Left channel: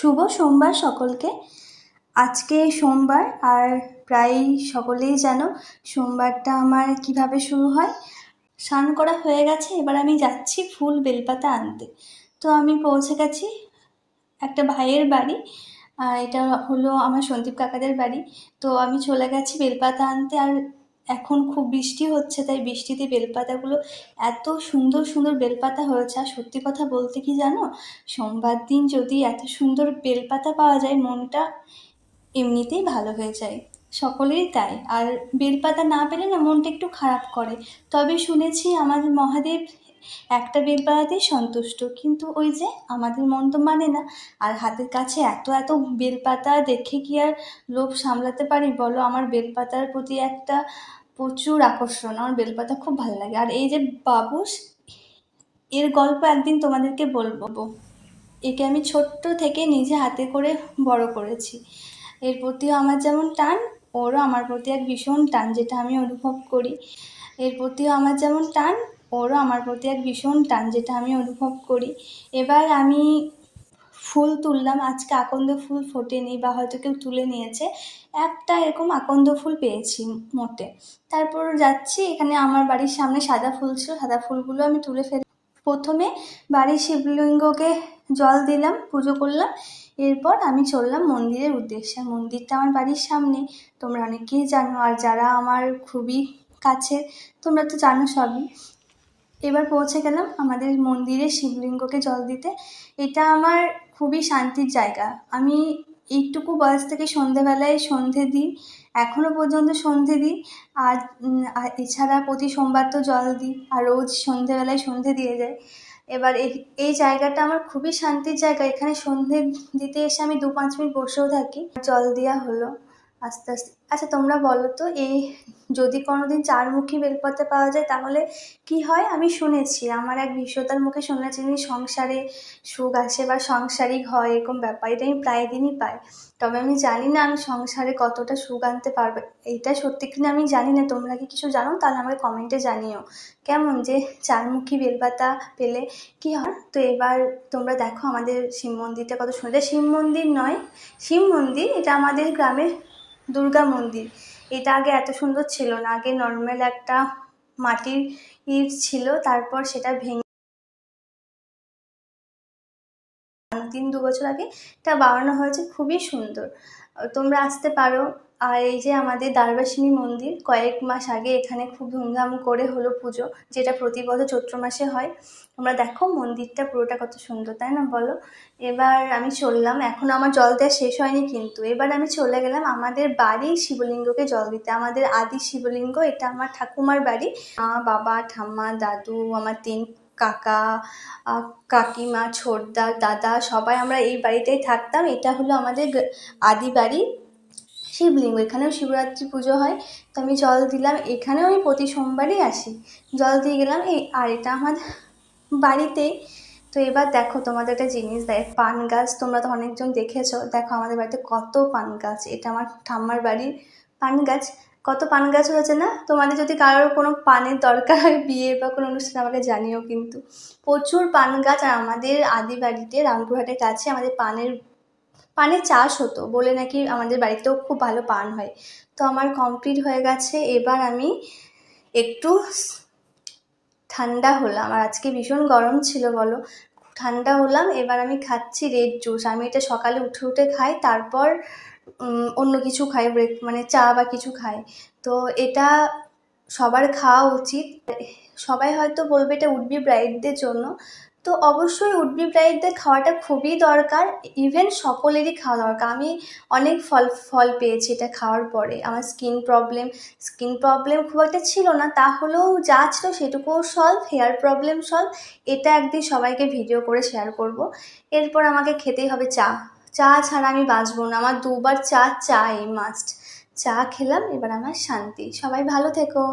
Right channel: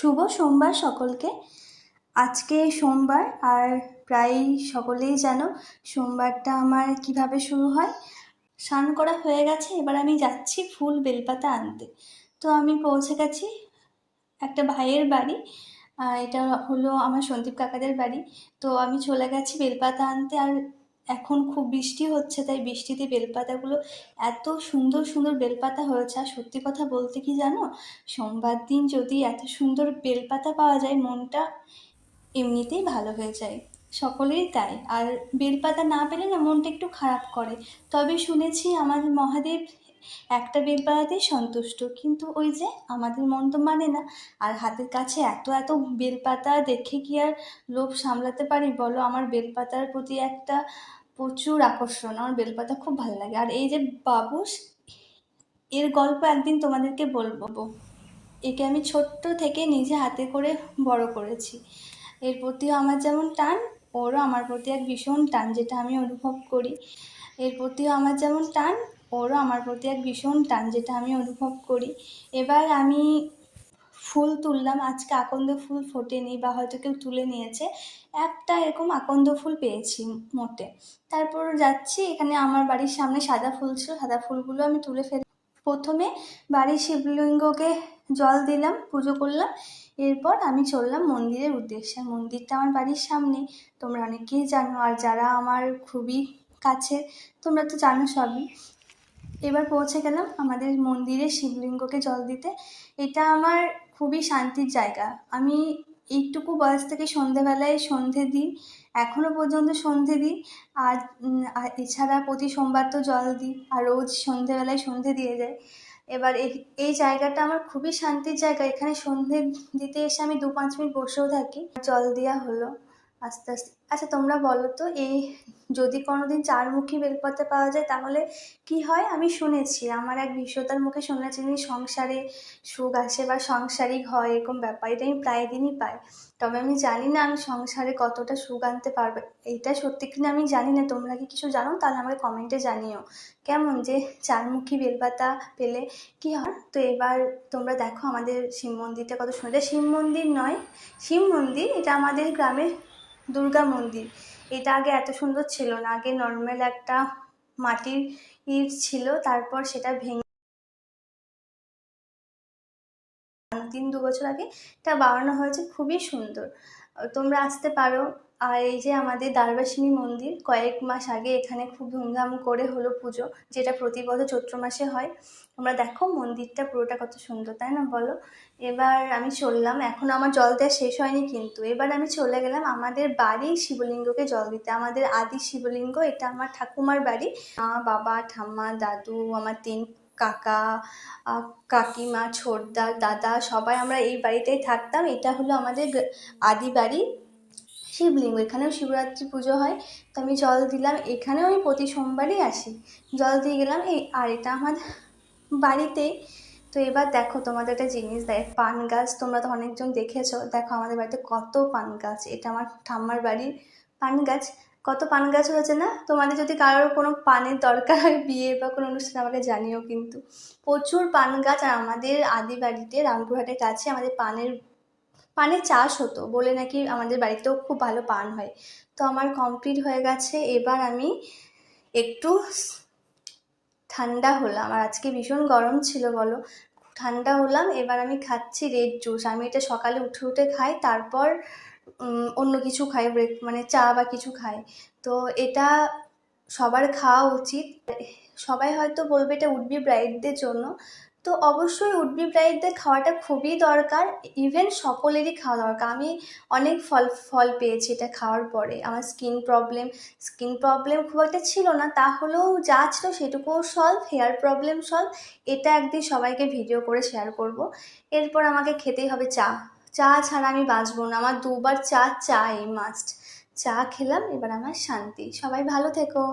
শুভ সোমবার সকলকে। আজকে সোমবার আর প্রায় সকলেই জানো সোমবারটা আমার কীভাবে শুরু হয়। স্নান করা হয়ে গেছে, এবার আমি যাচ্ছি ফুল বেলপাতা আনতে। তো আমি পৌঁছে গেছি একটা ভাইয়ের বাড়ি এটা হলো আমার সন্দীপ কাকাদের বাড়ি। তো আমি চলে গেছি বেলপাতা আনতে আর এখন খুব বৃষ্টি হচ্ছে, তাই বৃষ্টিতে বেলপাতাগুলো এত সুন্দর সুন্দর বেলপাতা হয়েছে। আর সত্যি কথা বলতে কি জানো? সোমবার দিন যদি এত সুন্দর বেলপাতা পাওয়া যায়, মনটা এমনিতেই ভালো হয়ে যায়। সকলেই তাই। আর বেলপাতা না পেলে না মনটা একটু খারাপ করে। তবে শুনেছি আমাদের মহাদেব একটা বেলপাতাতেই সন্তুষ্ট। কিন্তু ওই যে আমাদের মন তো মানে না। আর হাতের কাছে এত এত বেলপাতা দেখে কি আর লোভ সামলাতে পারি? বলো, আমার বেলপাতার প্রতি একটা প্রচুর আকর্ষণ, আমার বেলপাতা খুব ভালো লাগে। আর এই যে বাবুস এর গল্প একদিন তোমাদেরকে বলব। একে আমি ছোট্ট থেকে নিজে হাতে করে বড় করেছি। এর প্রতিও আমার যেমন টান, ওরও আমার প্রতি এক ভীষণ টান, যেটা আমি অনুভব করি। এর প্রতিও আমার যেমন টান, ওরও আমার প্রতি এক ভীষণ টান, যেটা আমি অনুভব করি। এবার আমি ফুল তুললাম। আজকে আকন্দ ফুল ফোটেনি বা হয়তো কেউ তুলে নিয়েছে। একটা এরকম আকন্দ ফুল পেয়েছি মোটে। তারপর যাচ্ছি, এখানে আমার বাড়ির সামনে সাদা ফুল ছিল, সাদা ফুলগুলো আমি তুলে ফেলি প্রথমে বাড়ির শিবলিঙ্গকে জল দিলাম, পুজো করলাম। এরপর আমি চললাম মন্দিরের উদ্দেশ্যে। মন্দিরটা আমার বাড়ির সামনে, তোমরা অনেকেই জানো। আর যারা আমার খুবই কাছে তোমরা তো জানো সবই। এবার পৌঁছে গেলাম আমাদের মন্দিরে শিবলিঙ্গকে জল দিতে। এটা আমার খুবই শান্তির জায়গা। আমি এইটুকু বয়স থেকে সন্ধেবেলায় সন্ধে দিই এখনও পর্যন্ত সন্ধে দিই। আর এছাড়া প্রতি সোমবার তো জল দিই, আর রোজ সন্ধেবেলায় সন্ধে দিয়ে যায় এবার এই এই জায়গাটা আমার খুবই শান্তির জায়গা। এখানে সন্ধে দিতে এসে আমি দু পাঁচ মিনিট বসেও থাকি। জল দেওয়া হলো, আস্তে আস্তে। আচ্ছা তোমরা বলো তো, এই যদি কোনো দিন চারমুখী বেলপাতা পাওয়া যায়, তাহলে কি হয়? আমি শুনেছি, আমার এক বিশ্বতার মুখে শুনেছি যে সংসারে সুখ আসে বা সংসারিক হয় এরকম ব্যাপার, এটা আমি প্রায় দিনই পাই। তবে আমি জানি না আমি সংসারে কতটা সুখ আনতে পারবে, এইটা সত্যি কিনা আমি জানি না, তোমরা কি কিছু জানো? তাহলে আমাকে কমেন্টে জানিও। কেমন যে চারমুখী বেলপাতা পেলে কি হয়? তো এবার তোমরা দেখো আমাদের শিব মন্দিরটা কত সুন্দর শিব মন্দির নয়, শিব মন্দির, এটা আমাদের গ্রামের দুর্গা মন্দির। এটা আগে এত সুন্দর ছিল না। আগে নর্মাল একটা মাটির ইট ছিল, তারপর সেটা ভেঙে তিন দু বছর আগে এটা বানানো হয়েছে। খুবই সুন্দর। তোমরা আসতে পারো। আর এই যে আমাদের দ্বারবাসিনী মন্দির, কয়েক মাস আগে এখানে খুব ধুমধাম করে হলো পুজো, যেটা প্রতি বছর চৈত্র মাসে হয়। তোমরা দেখো মন্দিরটা পুরোটা কত সুন্দর, তাই না বলো? এবার আমি চললাম, এখন আমার জল দেওয়া শেষ হয়নি কিন্তু। এবার আমি চলে গেলাম আমাদের বাড়ির শিবলিঙ্গকে জল দিতে। আমাদের আদি শিবলিঙ্গ, এটা আমার ঠাকুমার বাড়ি। মা, বাবা, ঠাম্মা, দাদু, আমার তিন কাকা কাকিমা, ছোটদা, দাদা, সবাই আমরা এই বাড়িতেই থাকতাম। এটা হলো আমাদের আদি বাড়ি। শিবলিঙ্গ এখানেও শিবরাত্রি পুজো হয়। তো আমি জল দিলাম, এখানেও আমি প্রতি সোমবারই আসি। জল দিয়ে গেলাম, এই আর এটা আমার বাড়িতেই। তো এবার দেখো তোমাদের একটা জিনিস দেয় পান গাছ তোমরা তো অনেকজন দেখেছ। দেখো আমাদের বাড়িতে কত পান গাছ, এটা আমার ঠাম্মার বাড়ির পান গাছ। কত পান গাছ হয়েছে না? তোমাদের যদি কারোর কোনো পানের দরকার হয়, বিয়ে বা কোনো অনুষ্ঠান, আমাকে জানিও কিন্তু। প্রচুর পান গাছ আর আমাদের আদি বাড়িতে, রামপুরহাটের কাছে আমাদের পানের পানের চাষ হতো বলে নাকি আমাদের বাড়িতেও খুব ভালো পান হয়। তো আমার কমপ্লিট হয়ে গেছে। এবার আমি একটু ঠান্ডা হলাম। আর আজকে ভীষণ গরম ছিল, বলো। ঠান্ডা হলাম, এবার আমি খাচ্ছি রেড জুস আমি এটা সকালে উঠে উঠে খাই, তারপর অন্য কিছু খাই ব্রেক মানে চা বা কিছু খাই। তো এটা সবার খাওয়া উচিত। সবাই হয়তো বলবে এটা উডবি ব্রাইডদের জন্য। তো অবশ্যই উডবি ব্রাইডদের খাওয়াটা খুবই দরকার ইভেন সকলেরই খাওয়া দরকার। আমি অনেক ফল ফল পেয়েছি এটা খাওয়ার পরে। আমার স্কিন প্রবলেম স্কিন প্রবলেম খুব একটা ছিল না তাহলেও যা ছিল সেটুকুও সলভ হেয়ার প্রবলেম সলভ এটা একদিন সবাইকে ভিডিও করে শেয়ার করব। এরপর আমাকে খেতেই হবে চা। চা ছাড়া আমি বাঁচবো না। আমার দুবার চা চাই মাস্ট চা খেলাম, এবার আমার শান্তি। সবাই ভালো থেকো।